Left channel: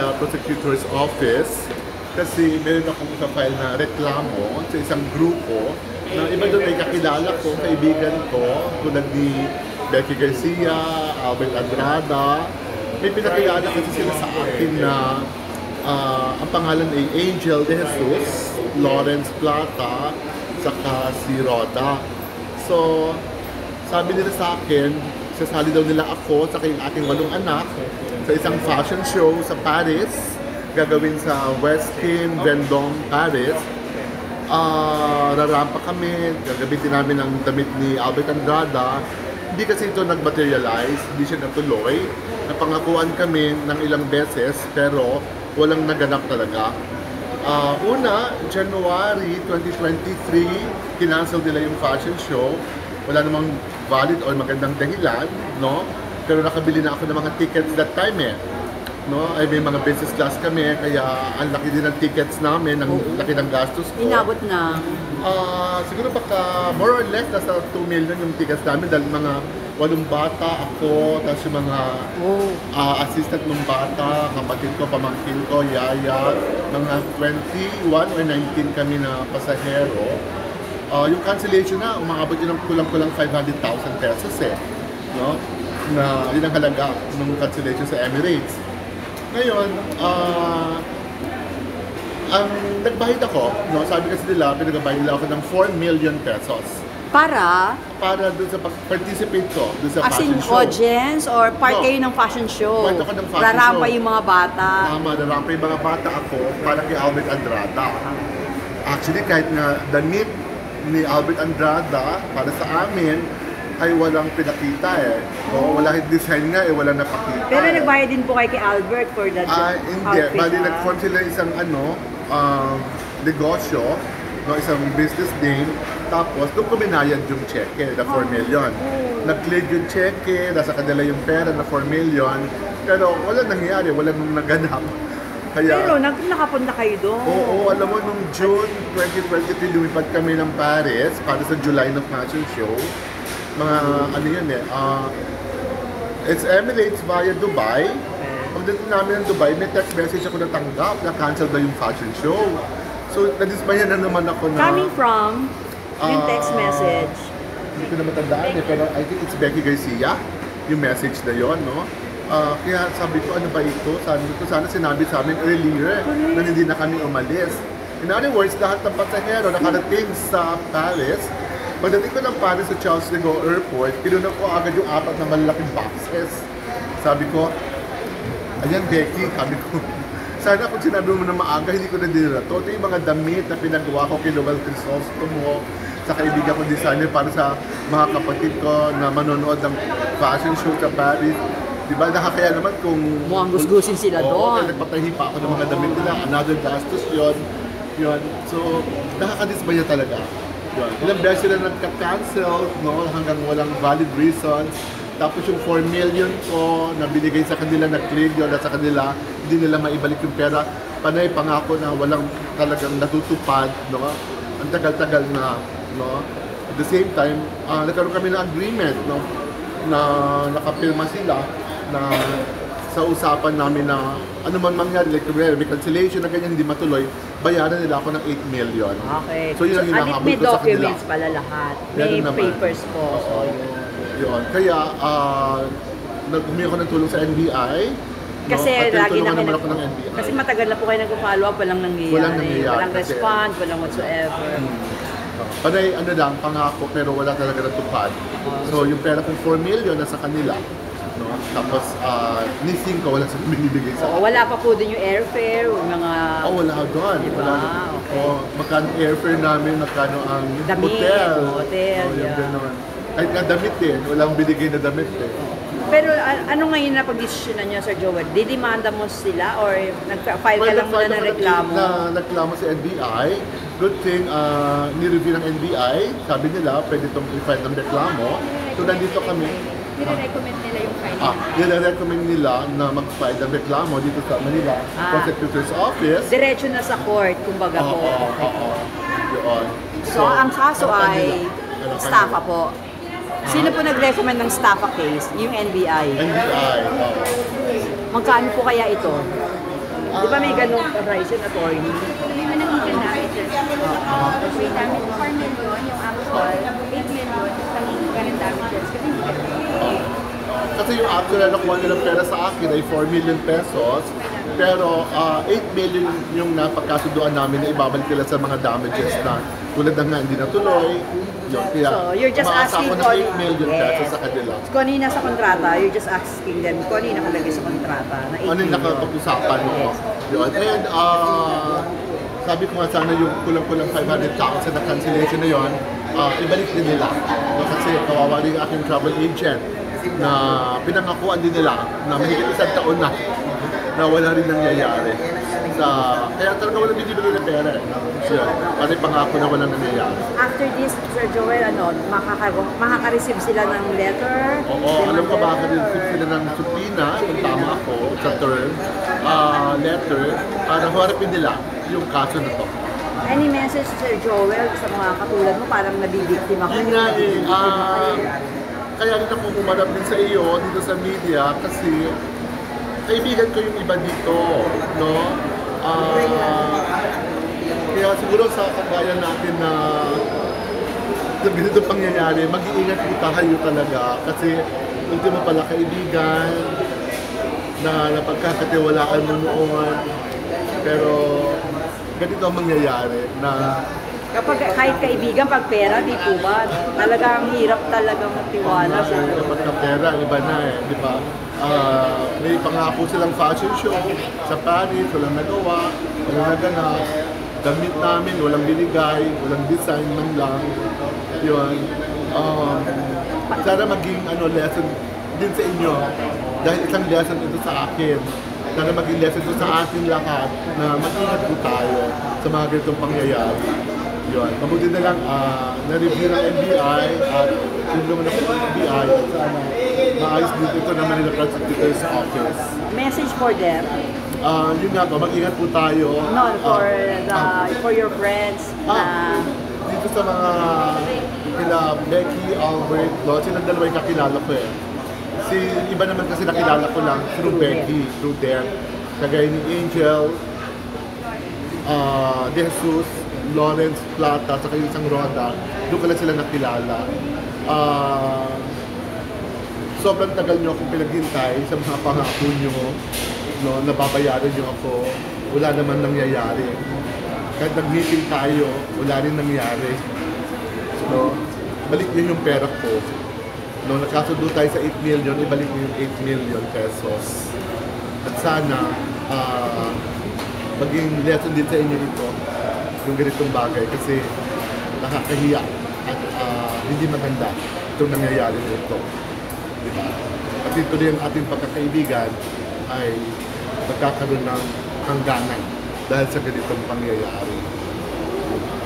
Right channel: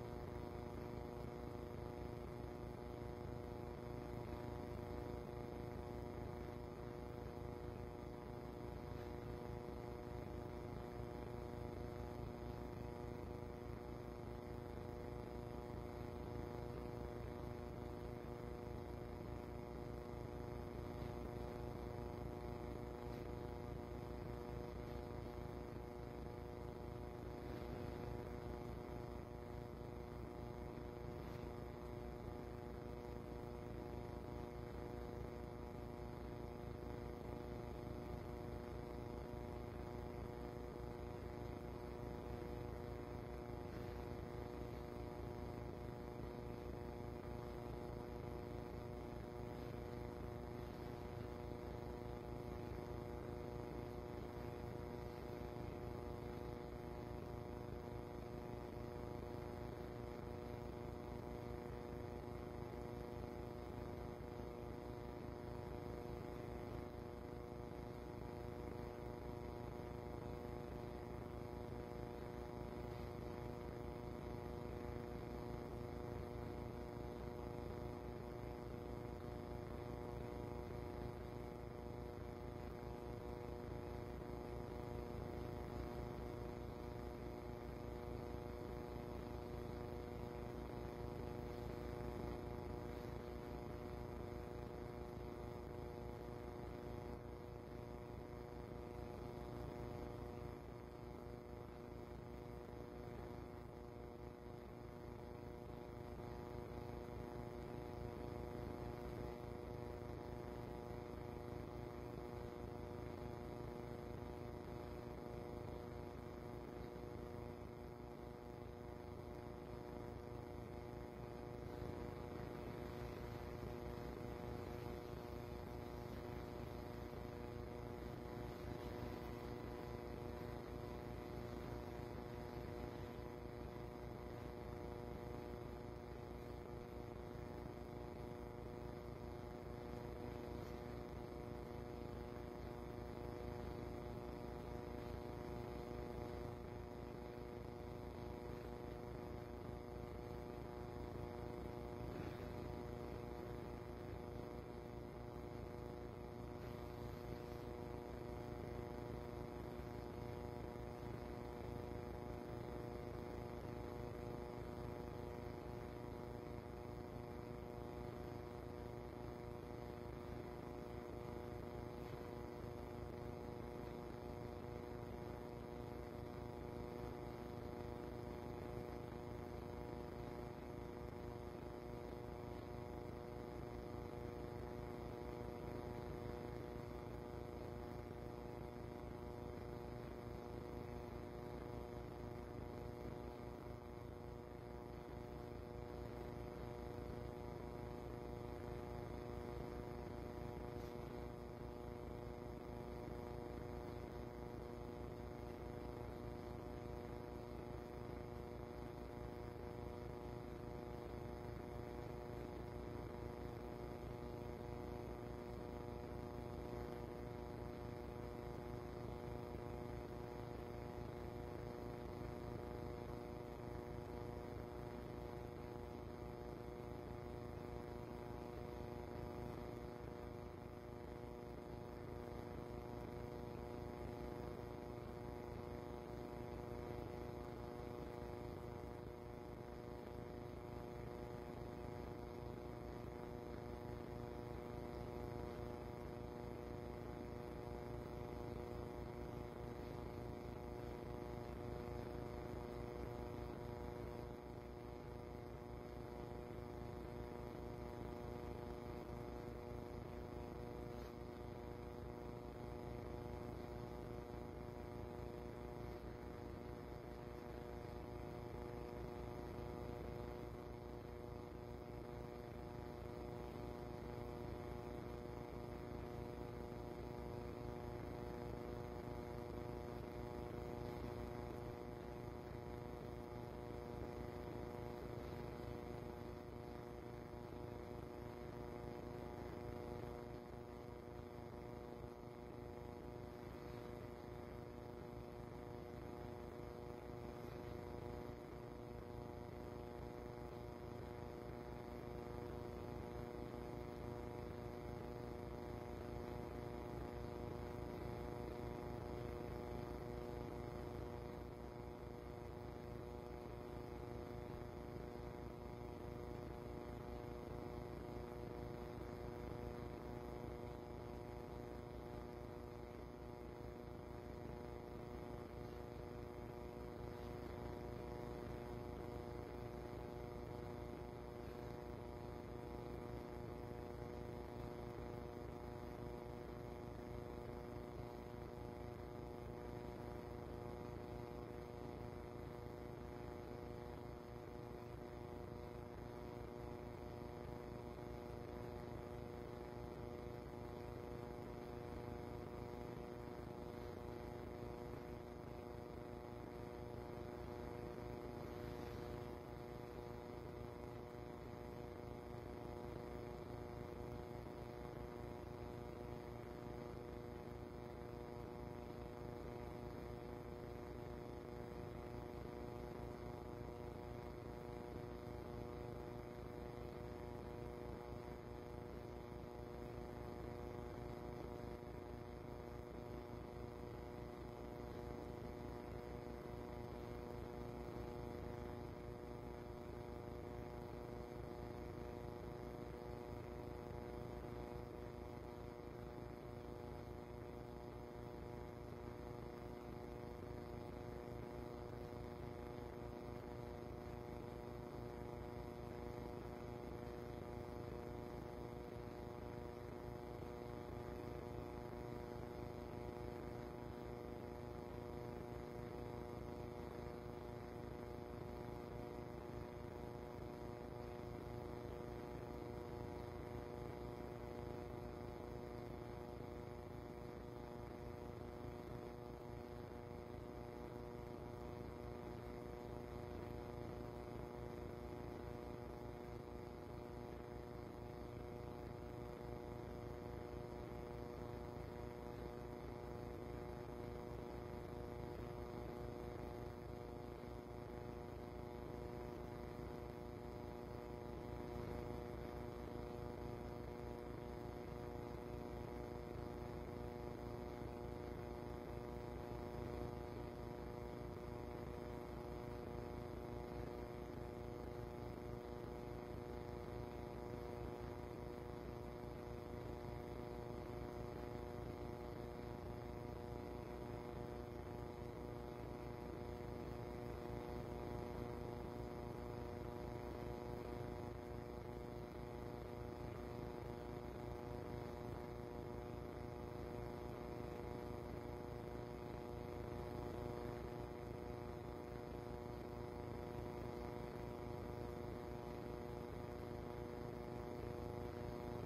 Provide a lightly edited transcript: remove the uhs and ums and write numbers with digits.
Manila Prosecutor's Office kasi meron akong isa-file na reklamo sa isang grupo na iba doon ay kakilala ko, kaibigan ko, tulad ni Becky Garcia, Albert Andrada. May pinakilala kasi sila sa akin na ang pangalan ay Angel De Jesus, Lawrence Plata, saka si Roda. So, sabi nila sa akin, sasali daw nila ako sa yung aking 8 anak sa isang fashion show sa Paris, gagawin sa West Kim, Vendôme, Paris. Rarampa kami, gagamitin namin ang damit ni Albert Andrada. Hindi kasi ito nag-materialize, hindi siya natuloy. Napangakuan kami ng ilang beses pero walang naganap talaga. Una, January 2023, kinancel nila yung fashion show. Wala namang valid or magandang dahilan, no? Pero nakabili na ako ng mga tickets that time no? Ay may mga business class kami, kaya ang laki din ng tickets namin, ang laki ng gastos ko. Inabot na? Siguro baka more or less nasa 2 million yung tickets namin dahil mga 8 bata, ako, tapos yung mga assistant ng bata, kapatid ko, pamangkin ko, yaya, mga 21 or 19 kami na pasahero. Yung cancellation na, umaabot yun ng kulang-kulang 500,000 pesos no? Na yun ang halaga ng cancellation sa Emirates. Ngayon, ang nagbayad ako, no? Sabi kasi nila, pinagbayad nila ako ng 4 million pesos. Para Doon sa participate ko, doon sa fashion show. As in audience or part kayo ng fashion show? Part ako ng fashion Rarampa show. yung mga bata? Tama, rarampa yung mga bata ako para kay Albert Andrada. Actually, kahit nga damit ni Albert Andrada para sa amin ay walang pinakita wala yung design nga walang napakita. Pero nagbayad din po kay Albert for that hindi. outfit? Bali, nag-form sila isang negosyo, no, isang business name, tapos doon ko binayad yung cheque na 4 million. Nag-clear yung cheque, nasa kanila yung pera na 4 million, pero wala nangyari, wala nung naganap. Kaya, pero nakapunta kayo doon? Oo, alam mo, nung June 2023, lumipad kami ng Paris para sa July na fashion show. Mga ano yun it's Emirates via Dubai. Pagdating namin ng Dubai, may text message ako natanggap na cancel na yung fashion show. So, nadismaya na naman ako na... Coming from yung text message? Hindi ko na matandaan pero I think it's Becky Garcia, yung message na yon, no? Kaya sabi ko, ano ba ito? Sabi ko, sana sinabi sa amin earlier na hindi na kami umalis. In other words, lahat ng pasahero nakarating sa Paris. Pagdating ko ng Paris sa Charles de Gaulle Airport, kinunan ko agad yung 4 na malalaking boxes. Sabi ko, ayan Becky, sabi ko, sana kung sinabi mo na maaga, hindi ko na dinala to. Ito yung mga damit na pinagawa ko kay Noel Crisostomo, sa kaibigan ko designer para sa mga kapatid ko na manonood ng fashion show sa Paris. Diba, nakakaya naman kung... Mukhang gusgusin sila doon. Nagpatahi pa ako ng mga damit nila, another gastos yun. So, nakakadismaya talaga. Ilang beses sila nagka-cancel, no? Hanggang walang valid reasons. Tapos yung 4 million ko na binigay sa kanila, nag-clear yun at sa kanila, hindi nila maibalik yung pera. Panay pangako na walang talagang natutupad, no? Ang tagal-tagal na, no? At the same time, nagkaroon kami ng agreement, no? Na nakapirma sila na sa usapan namin na ano man mangyari, like may cancellation na ganyan, hindi matuloy, bayaran nila ako ng 8 million. Okay. So yun ang hinahabol ko sa kanila. May documents pala lahat. May papers po. Yun. Kaya, nag-umi ako ng tulong sa NBI. Kasi lagi na naman ako ng NBI. Kasi matagal na po kayo nag-follow up, walang nangyayari. Walang response, walang whatsoever. Panay, ano lang, pangako, pero wala talaga natupad. So, yung pera kong 4 million nasa kanila. No? Tapos, missing ko, wala sa binibigay sa akin. Wala pa po din yung airfare, mga... wala doon. Diba? Wala. Okay. Magkano airfare namin, magkano ang damit, hotel. Hotel, yung gano'n. Kahit nga damit din, walang binigay na damit Pero ano ngayon na pag-desisyonan nyo, Sir Joel? Didemanda mo sila or nag-file ka lang muna ng reklamo? Nagreklamo sa NBI. Good thing, nireview ng NBI. Sabi nila, pwede itong i-file ng reklamo. So, nandito kami. Nire-recommend nila yung filing? Nire-recommend nila na mag-file ng reklamo dito sa Manila Prosecutor's Office. Diretso na sa court, kumbaga po. Yun. So, ang kaso ay staffa po. Sino po nag-recommend ng staffa case? Yung NBI? NBI, Magkano po kaya ito? Di ba may ganong price yun, attorney? Hindi mo nakikita namin just kasi namin 4 million yung actual, 8 million sa current damages kasi hindi ka Kasi yung actual na nakuha nilang pera sa akin ay 4 million pesos. Pero 8 million yung napagkasunduan namin na ibabalik nila sa mga damages na tulad ng nga hindi natuloy. Yun, kaya So, you're just umaasa asking ako ng for- 8 million pesos sa kanila. Kung ano yung nasa kontrata, you're just asking them kung ano yung nakalagay sa kontrata na 8 Ano yung million. nakapag-usapan mo? Yun. And sabi ko nga sana yung kulang-kulang 500,000 na cancellation na yun, ibalik din nila. Kasi kawawa rin yung aking travel agent na pinangakuan din nila na mahigit 1 taon na wala rin nangyayari. Kaya talaga walang binibigay ng pera. Yun. Pati pangako na walang nangyayari. After this, Sir Joel, makaka-receive sila ng letter? Oo, alam ko baka rin sila ng supina, kung tama ako, sa term, letter, para harapin nila yung kaso na to. Any message, Sir Joel, sa mga katulad mo, parang nabibiktima ko? Yun nga kaya rin ako umarap din sa iyo dito sa media kasi kaibigan ko yung iba dito, no? Kaya siguro sa kagaya natin na ganito pangyayari, mag-iingat po tayo talaga kasi ultimo pala kaibigan na napagkakatiwalaan mo noon, pero ganito ang mangyayari na Kapag kahit kaibigan, pag pera, di po ba? Talagang hirap talaga magtiwala sa kapag ka pera, iba na di ba? May pangako silang fashion show sa Paris, walang nagawa, walang naganap. Damit namin, walang binigay, walang design man lang. Yun. Sana maging lesson din sa inyo. Dahil isang lesson ito sa akin. Sana maging lesson ito sa ating lahat na mag-ingat po tayo sa mga ganitong pangyayari. Yun. Mabuti na lang na-review ng NBI at yung naman ako ng NBI at sana maayos din ito ng Manila Prosecutor's Office. message for them. Yun nga po, mag-ingat po tayo. No, for your friends na Dito sa mga kila Becky, Albert, silang dalawa yung kakilala ko eh. Iba naman kasi nakilala ko lang through Becky, through them. Kagaya ni Angel, De Jesus, Lawrence Plata, saka yung isang Roda, doon ko lang sila nakilala. Sobrang tagal nyo akong pinaghintay sa mga pangako nyo, no, nababayaran nyo ako, wala naman nangyayari. Kahit nag-meeting tayo, wala rin nangyari. So, balik nyo yung pera ko. No, nakasundo tayo sa 8 million, ibalik nyo yung 8 million pesos. At sana, maging lesson din sa inyo ito, yung ganitong bagay, kasi nakakahiya at hindi maganda itong nangyayari nito. Diba? At ito rin ang ating pagkakaibigan ay magkakaroon ng hangganan dahil sa ganitong pangyayari. Diba?